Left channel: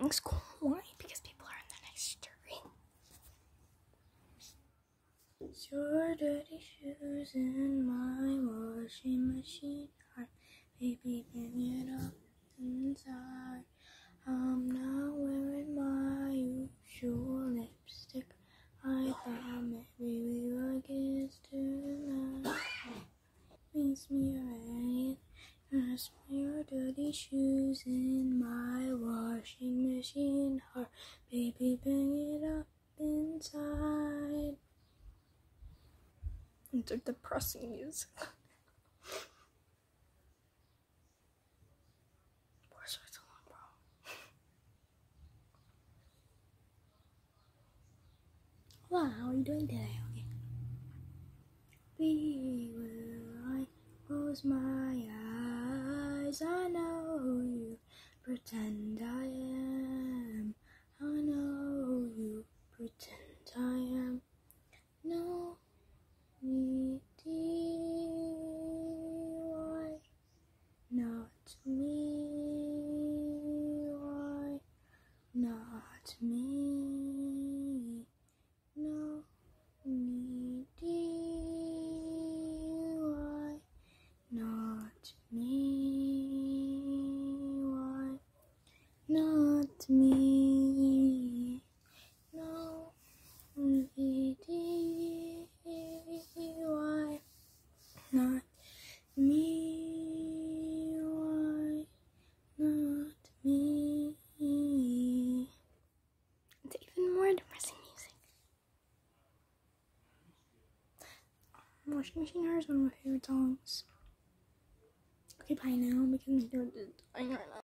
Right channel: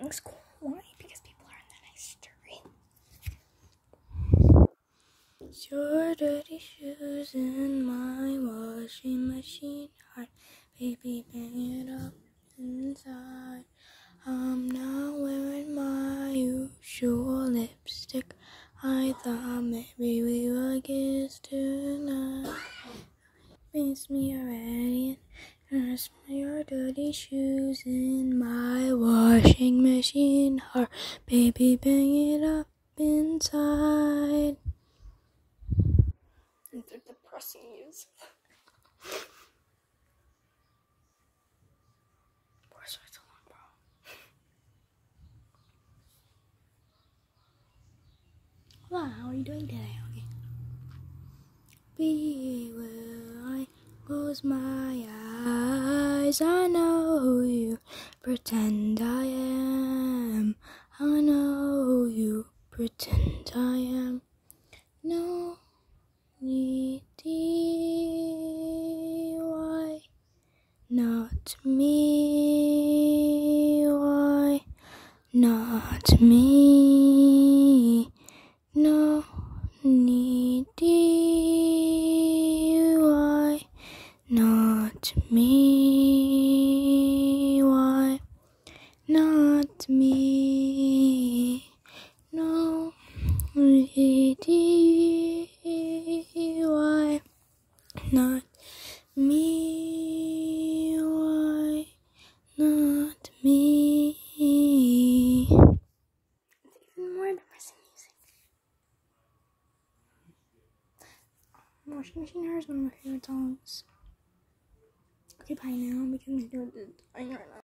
It's cool. Why? Because people are in the next street. Your dirty shoes in my washing machine. Heart, baby, bang it up inside. I'm not wearing my usual lipstick. I thought maybe we would kiss tonight. Makes me already. And I smell your dirty shoes in my washing machine. Heart, baby, bang it up inside. It's a depressing music. Where's my song, bro? Wow, how are you doing today, Honey? Be where I close my eyes. I know who you pretend I am. I know who you pretend I am. No need why not me? Why not me? No need why not me? Why not me? No need why not me? Why not me? It's even more depressing music. Washing Machine Heart is one of my favorite songs. Okay, bye now because my throat is dying right now.